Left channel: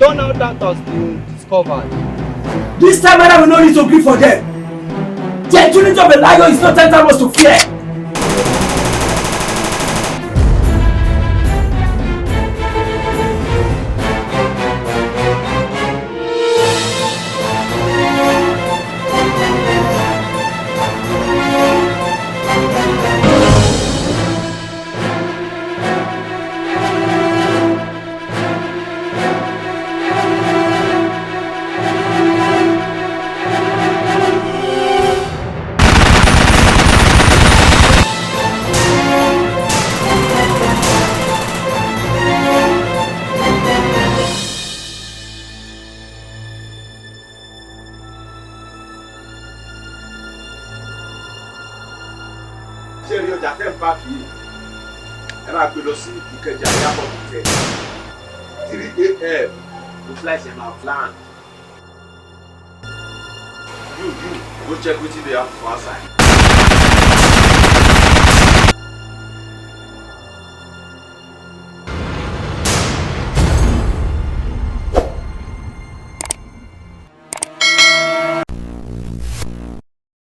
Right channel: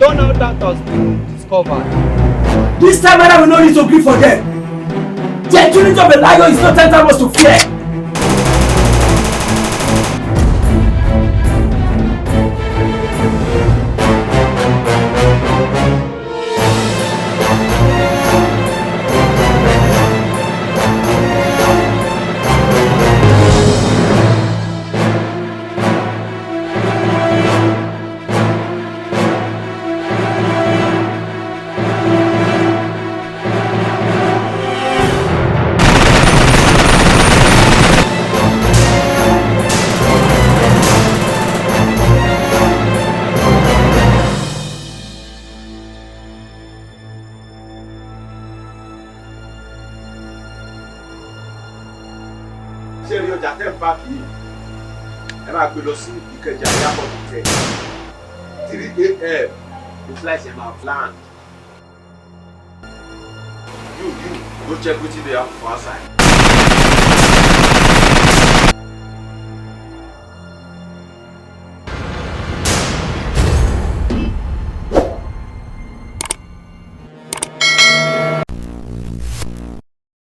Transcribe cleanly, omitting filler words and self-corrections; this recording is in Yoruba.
Donald Duck has been discovered. This time around, we no need to grieve for them. The agility of a lion is not tantamount to fear. Ṣé ọjà tẹ́ ń bá kì í ẹ máa gbé lọ sí Ìkẹjà airport hotel 3 a.m. the flight ẹ máa land. You go check wetin dey happen for outside.